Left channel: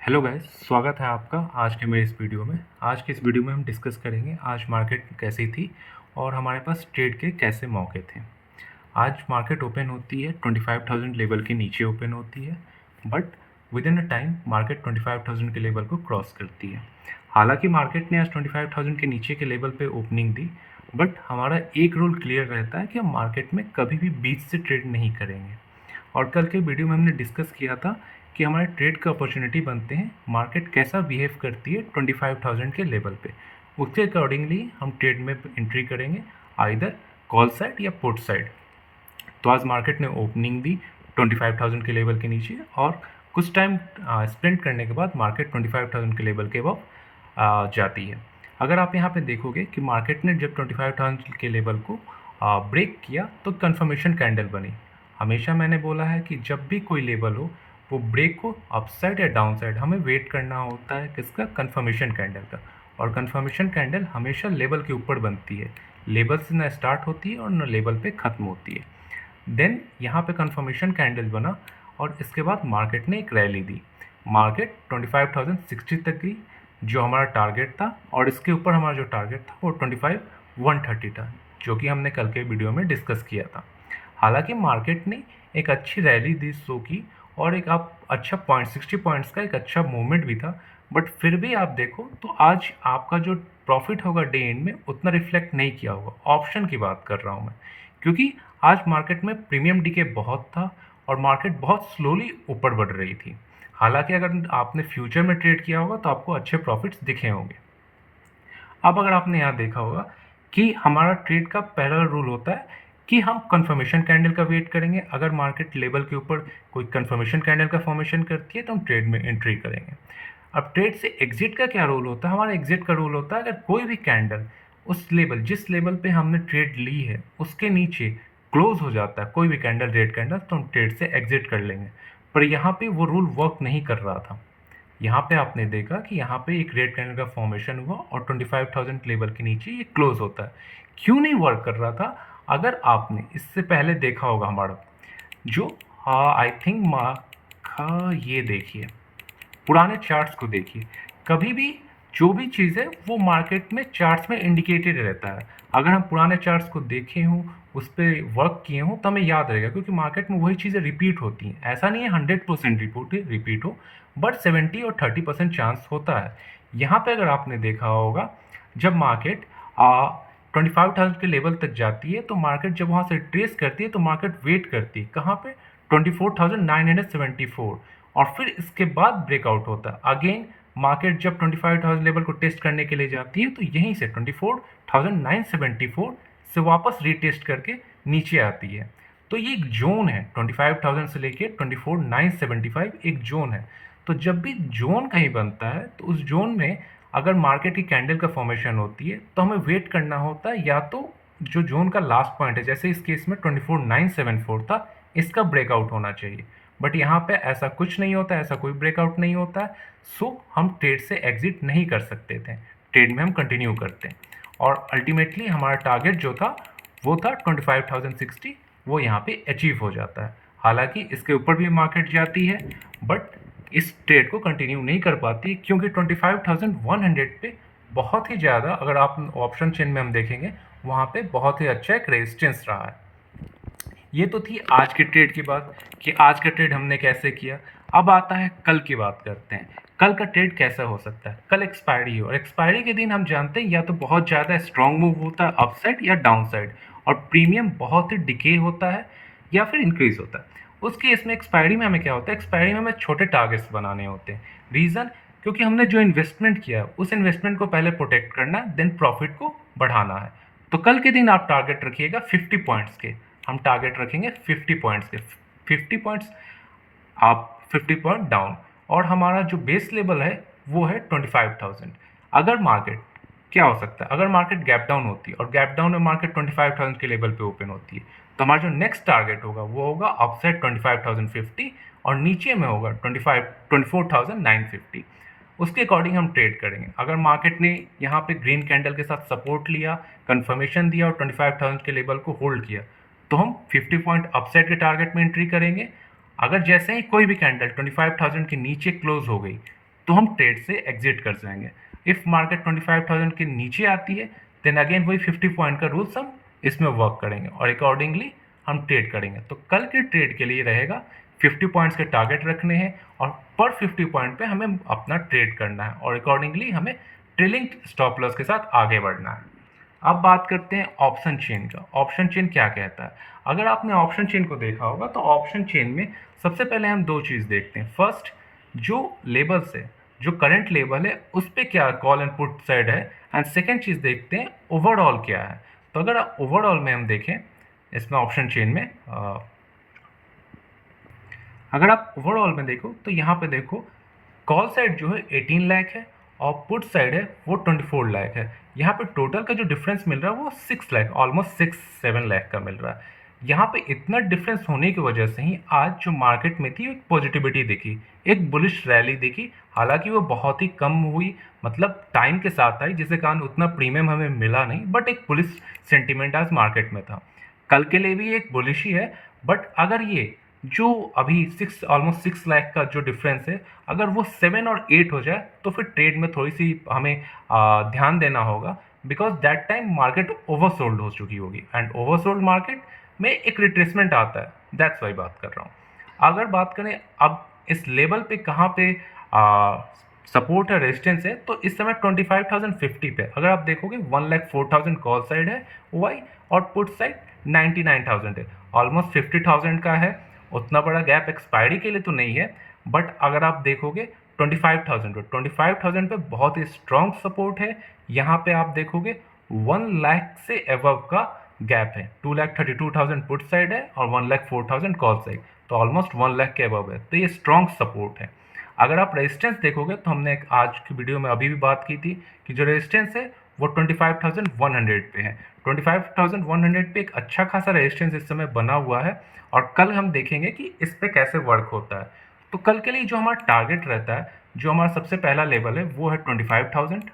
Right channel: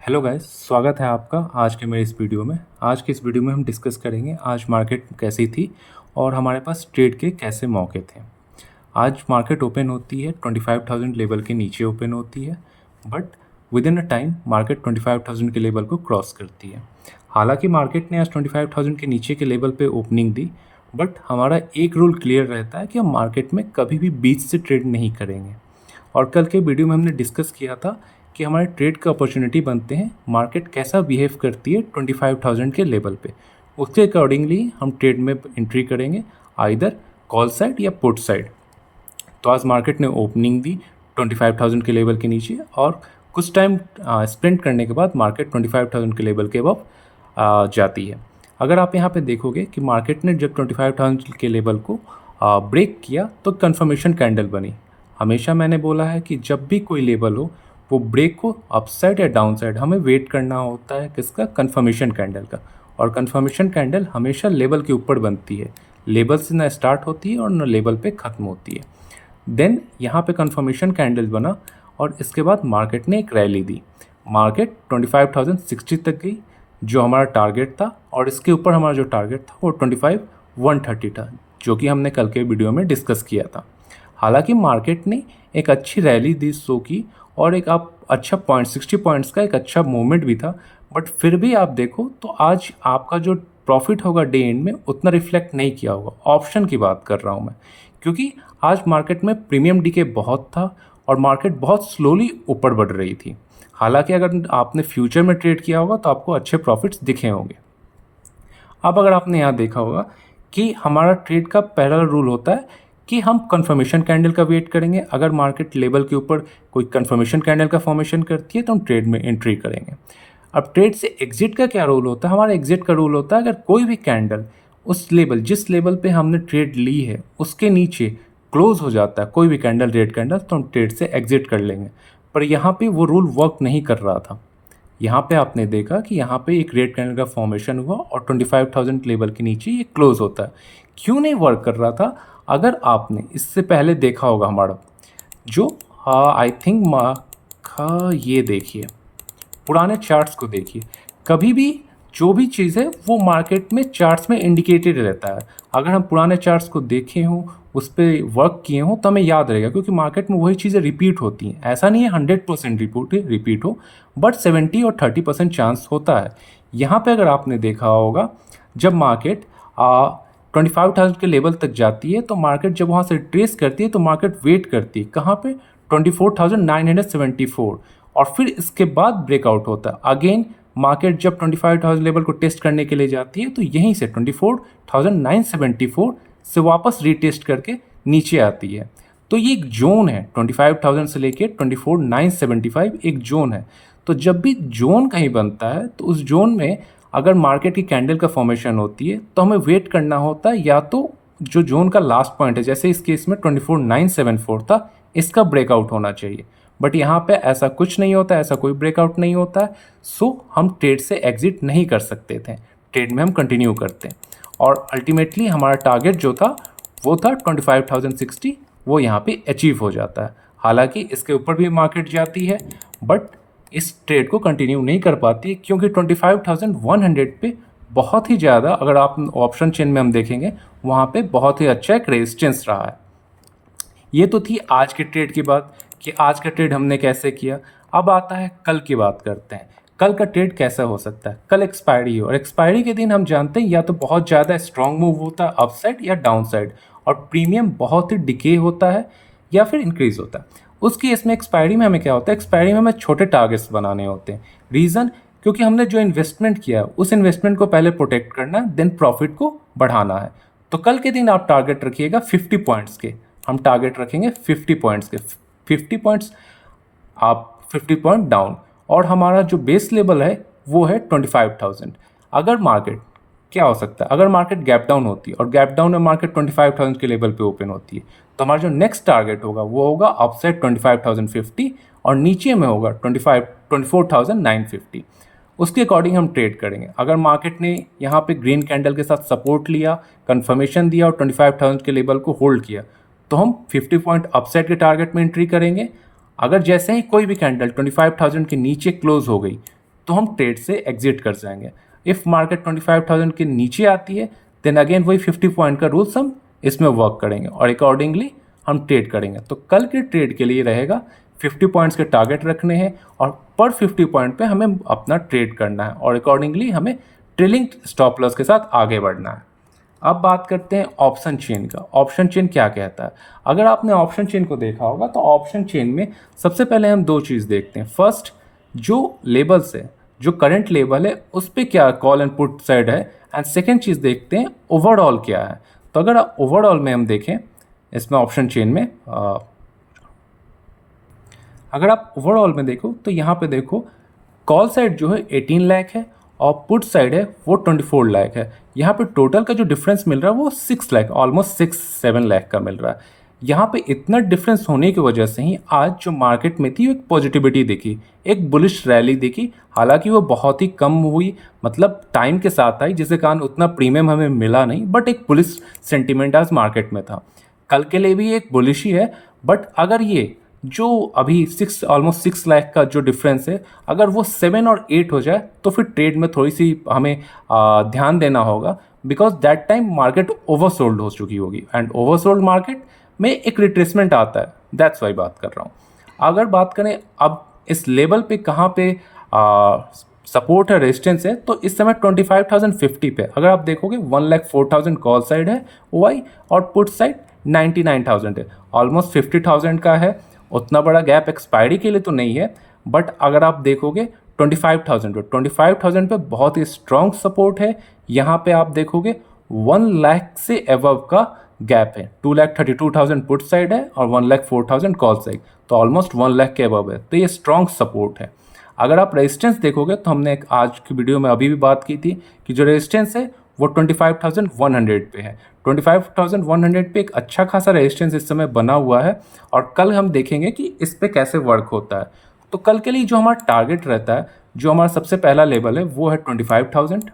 Hello guys, स्वागत है आपका आज के मेरे इस वीडियो में। आज के इस वीडियो में हम डिस्कस करेंगे आज मार्केट कैसी थी और हमारे पास ट्रेड के कैसे मौके थे। आज मार्केट ओपन होती है 25,000 लेवल के नीचे ओपन होती है, but with in a time market 25,000 के लेवल को क्रॉस करती है। हालांकि मार्केट ने आज 25,000 के नीचे के लेवल पे ओपनिंग दी, बट हमारा एक रूल क्लियर रहता है कि हम मार्केट में कभी भी बीच से ट्रेड नहीं करेंगे। और कल के वीडियो में हमने डिस्कस किया था कि हमारे ट्रेड के अपॉर्चुनिटी बनते हैं मार्केट कैसा बिहेव करती है 25,000 के लेवल पे। उसके अकॉर्डिंगली हम ट्रेड में एंट्री करेंगे, आइदर कॉल साइड या पुट साइड। तो आज मार्केट ने ओपनिंग दी 25,000 के लेवल के नीचे और कुछ टाइम स्पेंड करने के बाद मार्केट 25,000 के लेवल के अबव जाती है। अगर आप यहाँ पे देखोगे कि मार्केट ने जब 25,000 के लेवल को ब्रेक किया तो कंफर्मेशन कैंडल बनी। हमेशा मैंने बोला है कि जब भी कोई लेवल हो वो ब्रेक को अपसाइड या डाउन साइड हमें वेट करना होता है किसका, कंफर्मेशन कैंडल का। और कंफर्मेशन कैंडल हमेशा लेवल के ऊपर बनती है, लेवल से ना स्टार्ट होती है और ना लेवल पे ख़त्म होती है। देन यहाँ पे कंफर्मेशन कैंडल बना और इसके बाद मार्केट ने एक रैली दी। मार्केट 25,060 तक गई जो हमारा टारगेट था, और इसके ऊपर हमारा जो टारगेट था वो 25,130 था, जो कि हमने कल के वीडियो में डिस्कस किया था। हालांकि मार्केट ने एक अच्छी रैली दी शो की और एक आप अच्छा 60 पॉइंट्स का एक अच्छा मूवमेंट भी था, बट फिर भी आप देखो तो आज आपका जो प्रॉफिट होगा डे एंड में उतना रिफ्लेक्ट नहीं किया होगा। ऑप्शन की बात कर रहा हूँ मैं, क्योंकि आज मार्केट में प्रीमियम डीके बहुत था और मार्केट बहुत स्लोली ऊपर बढ़ रही थी। हालांकि अगर आपने फ्यूचर में ट्रेड किया होगा तो आपको अच्छे प्रॉफिट्स दिखे होंगे। अब अगर आपने यहाँ देखा होगा कि हमारा ट्रेड का पहला रूल होता है कि हम कंफर्मेशन कैंडल का वेट करेंगे। अगर मार्केट लेवल के ऊपर कोई कंफर्मेशन कैंडल का फॉर्मेशन करती है तो हम ट्रेड में एंट्री करेंगे। अब ट्रेड से एग्जिट का क्या रूल होता है? हमारा एग्जिट का रूल होता है अगर कोई भी कैंडल उस लेवल जिस लेवल पे हमने ट्रेड ली है उसके नीचे क्लोज हो जाता है, कोई भी कैंडल रेड कैंडल, तो हम ट्रेड से एग्जिट कर लेंगे। पर यहाँ पे वो रूल वर्क नहीं कर रहा था। यहाँ पे आपने देखा कि यहाँ पे एक रेड कैंडल का फॉर्मेशन हुआ और 25,000 लेवल के नीचे ये क्लोज होता है। क्यों नहीं वर्क कर रहा था? अगर आपने इससे पहले देखा होगा हमारा जो आई थिंक ये देखिए, पुराने चार्ट्स को देखिए। कभी भी जो भी चीज़ है वो मार्केट में चार्ट्स में इंडिकेटेड रहता है। अगर हम पुराने चार्ट्स को देखे हों, उस पर वर्क किए हों, तो हमें याद रहेगा, क्योंकि मार्केट में वही चीज़ें रिपीट होती हैं। ऐसा नहीं है 100% रिपीट हो, बट 70 और 30% चांस होता है। यहाँ पे अगर आपने देखा होगा जब मार्केट 25,000 के लेवल तक जाती है तो मार्केट जब वहाँ से ट्रेस करती है तो मार्केट वेट करती है कहाँ पे, 24,974, और फिर इसके बाद ब्रेकआउट होता है। अगेन मार्केट जब 25,000 लेवल को टेस्ट करने के लिए जाती है तो यहीं से 24,974 से वापस रीटेस्ट करके नीचे आती है। तो ये एक जोन है, 25,000 से लेके 24,975 एक जोन है। तो जब भी जोन कहीं बनता है तो उस जोन में अगर मार्केट की कैंडल का फॉर्मेशन होती है तो हमें वेट करना होता है, या तो जो जोन का लास्ट पॉइंट है, जैसे इस केस में 24,974 था, इसका ब्रेकआउट होना चाहिए। बट यहाँ पे ऐसा कुछ नहीं होता, ऐसा कोई ब्रेकआउट नहीं होता, सो हम ट्रेड से एग्जिट नहीं कर सकते थे, ट्रेड में हम कंटिन्यू करते हैं। और अल्टीमेटली हमारा टारगेट जो था वो था 25,060, वो यहाँ पे अचीव हो जाता है। हालांकि इसके ऊपर भी मार्केट जाती है, बट इस ट्रेड को कंटिन्यू नहीं कर पाती, क्योंकि 25,100 पे बहुत ही ज़्यादा, अगर आप ऑप्शन चेन में हम देखेंगे वहाँ पे बहुत ही अच्छा एक रेजिस्टेंस रहा है। ये तो थी आज के ट्रेड की बात कि आज का ट्रेड हमने कैसे किया। अब आता है कल की बात करते हैं। कल का ट्रेड कैसा हो सकता है? कल एक्सपायरी हो, और एक्सपायरी के दिन हम जानते हैं या तो बहुत ज़्यादा स्ट्रॉन्ग मूव होता है अपसाइड या डाउन साइड, और प्रीमियम बहुत ही डिके होता है या फिर इंक्रीज होता है। उस केस में एक्सपायरी में हमें क्या होता है? एक्सपायरी में हमें छोटे टारगेट्स बनाने होते हैं। रीज़न, क्योंकि हमने जो इन्वेस्टमेंट किया उस इन्वेस्टमेंट को पहले प्रोटेक्ट करना है, देन प्रॉफिट को बढ़ाना है। तो कल के दिन आप टारगेट रखिएगा 50 पॉइंट्स के। हम टारगेट रखेंगे 50 पॉइंट्स के। 50 पॉइंट्स आप 50 पॉइंट डाउन, और हमारा जो बेस लेवल है वो है 25,000। अगर मार्केट क्या हो सकता है, अगर मार्केट गैप डाउन होती है और गैप डाउन में मार्केट 25,000 के लेवल पे ओपन होती है, तो हमारा जो नेक्स्ट टारगेट होगा वो होगा अपसाइड 25,050 और नीचे में होगा 24,950। उसके अकॉर्डिंग हम ट्रेड करेंगे। अगर मार्केट ने यहाँ पे ग्रीन कैंडल के साथ सपोर्ट लिया, कंफर्मेशन दिया और 25,000 के लेवल को होल्ड किया, तो हम 50 पॉइंट अपसाइड के टारगेट में एंट्री करेंगे। अगर जैसे ही कोई भी कैंडल 25,000 के नीचे क्लोज हो गई तो हम ट्रेड से एग्जिट कर जाएंगे। इफ़ मार्केट 25,000 के नीचे आती है देन अगेन वही 50 पॉइंट का रूल्स हम इसमें वर्क करेंगे और अकॉर्डिंगली हम ट्रेड करेंगे। तो कल के ट्रेड के लिए रहेगा 50 पॉइंट्स के टारगेट रखने हैं और पर 50 पॉइंट पे हमें अपना ट्रेड करना है और अकॉर्डिंगली हमें ट्रेलिंग स्टॉप लॉस के साथ आगे बढ़ना है। अब बात करते हैं ऑप्शन चेन का। ऑप्शन चेन क्या कहता है? अगर आपने ऑप्शन चेन को देखा होगा तो ऑप्शन चेन में सबसे पहले हम दो चीज़ देखते हैं। फर्स्ट, जो लेबल्स है, जो करंट लेवल है उस पर क्या कॉल एंड पुट साइड है, एंड सेकेंड चीज़ देखते हैं ओवरऑल क्या है। तो अगर ओवरऑल में हम देखें इसमें ऑप्शन चेन में अगर आप ओवरऑल में देखो तो यहाँ पे देखो कॉल साइड जो है 18 लाख है और पुट साइड है वो 24 लाख है। यहाँ पे टोटल का जो डिफरेंस मिल रहा है वो 6 लाख, ऑलमोस्ट 6-7 लाख का मिल रहा है। यहाँ पे इतना डिफरेंस होने की वजह से ही आज जो मार्केट में थी एक पॉजिटिविटी दिखी, एक बुलिश रैली दिखी। हालांकि वो बहुत ही कम हुई, मतलब टाइम के साथ आई, जिसके कारण उतना प्रीमियम हमें मिला नहीं, बट एक बुलिश सेंटिमेंट आज मार्केट में था। कल के लिए भी एक बुलिश ही है, बट अगर ये जो अभी ऑलमोस्ट 6 लाख का जो डिफरेंस है अगर वो 7 और 8 हो जाए तो फिर ट्रेड में थोड़ी सी हमें ध्यान देना होगा, because that time market oversold हो चुकी होगी एंड ओवरसोल्ड मार्केट में एक रिट्रेसमेंट आता है। दैट्स वाई बात कर रहा हूँ। अगर बात करें अब इस लेवल पे कहाँ पे सपोर्ट है, रेजिस्टेंस है, तो इस समय 25,050 पे अगर आप देखोगे 1,04,000 कॉल साइड है वाई और पुट साइड 99,000 है, ऑलमोस्ट 50,000 का है। उतना बड़ा गैप एक्सपायरी के लिए तो नहीं है, बट अगर आप देखोगे 25,000 पे बहुत ही स्ट्रॉन्ग सपोर्ट है। यहाँ पे आप देखोगे 1 लाख से एबव का गैप है, 2,32,000 पुट साइड है और 1,04,000 कॉल साइड, तो ऑलमोस्ट 1 लाख के एबव है, तो ये स्ट्रॉन्ग सपोर्ट है। अगर आप रेजिस्टेंस देखोगे तो हमने एक आज की वीडियो में अभी भी बात की थी कि जो रेजिस्टेंस है वो 25,100 पे है। 25,100 पे एक अच्छा खासा रेजिस्टेंस इस समय बना हुआ है और कल हम देखेंगे कि इस पे कैसे वर्क होता है। तो कल के लिए जो हमारा टारगेट रहता है, जो हमारा सबसे पहला लेवल है वो है 25,000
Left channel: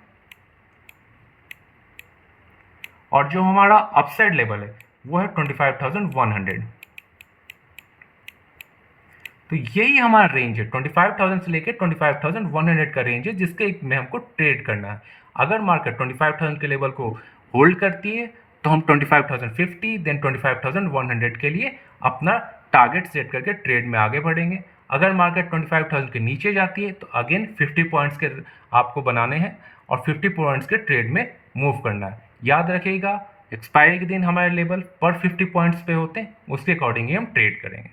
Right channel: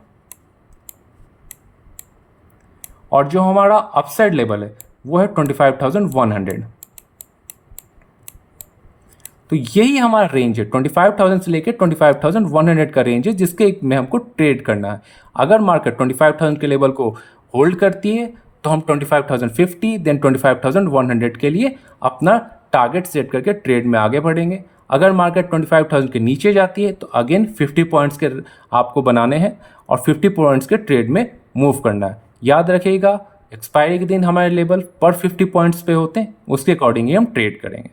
और जो हमारा अपसाइड लेवल है वो है 25,100। तो यही हमारा रेंज है, 25,000 से लेकर 25,100 का रेंज है जिसके में हमको ट्रेड करना है। अगर मार्केट 25,000 के लेवल को होल्ड करती है तो हम 25,050 देन 25,100 के लिए अपना टारगेट सेट करके ट्रेड में आगे बढ़ेंगे। अगर मार्केट 25,000 के नीचे जाती है तो अगेन 50 पॉइंट्स के आपको बनाने हैं और 50 पॉइंट्स के ट्रेड में मूव करना है। याद रखिएगा एक्सपायरी के दिन हमारे लेवल पर 50 पॉइंट्स पे होते हैं, उसके अकॉर्डिंग ही हम ट्रेड करेंगे।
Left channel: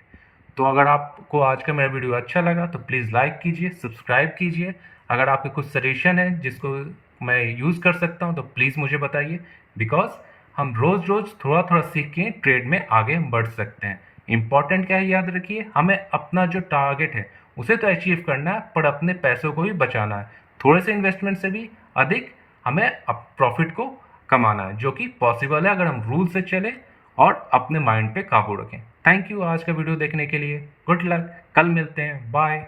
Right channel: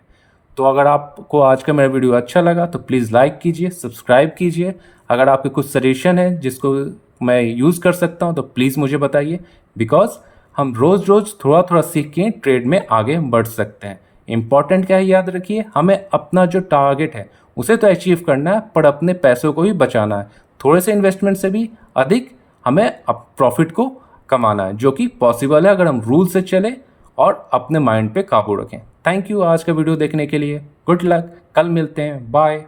तो अगर आपको आज का मेरा वीडियो अच्छा लगा तो प्लीज़ लाइक कीजिए, सब्सक्राइब कीजिए। अगर आपके कुछ सजेशन है जिसको मैं यूज़ कर सकता हूँ तो प्लीज़ मुझे बताइए, बिकॉज हम रोज़ रोज़ थोड़ा थोड़ा सीख के ट्रेड में आगे बढ़ सकते हैं। इंपॉर्टेंट क्या है याद रखिए, हमें अपना जो टारगेट है उसे तो अचीव करना है पर अपने पैसों को भी बचाना है। थोड़े से इन्वेस्टमेंट से भी अधिक हमें प्रॉफिट को कमाना है, जो कि पॉसिबल है अगर हम रूल से चले और अपने माइंड पे काबू रखें। थैंक यू आज का वीडियो देखने के लिए। गुड लक, कल मिलते हैं, बाय।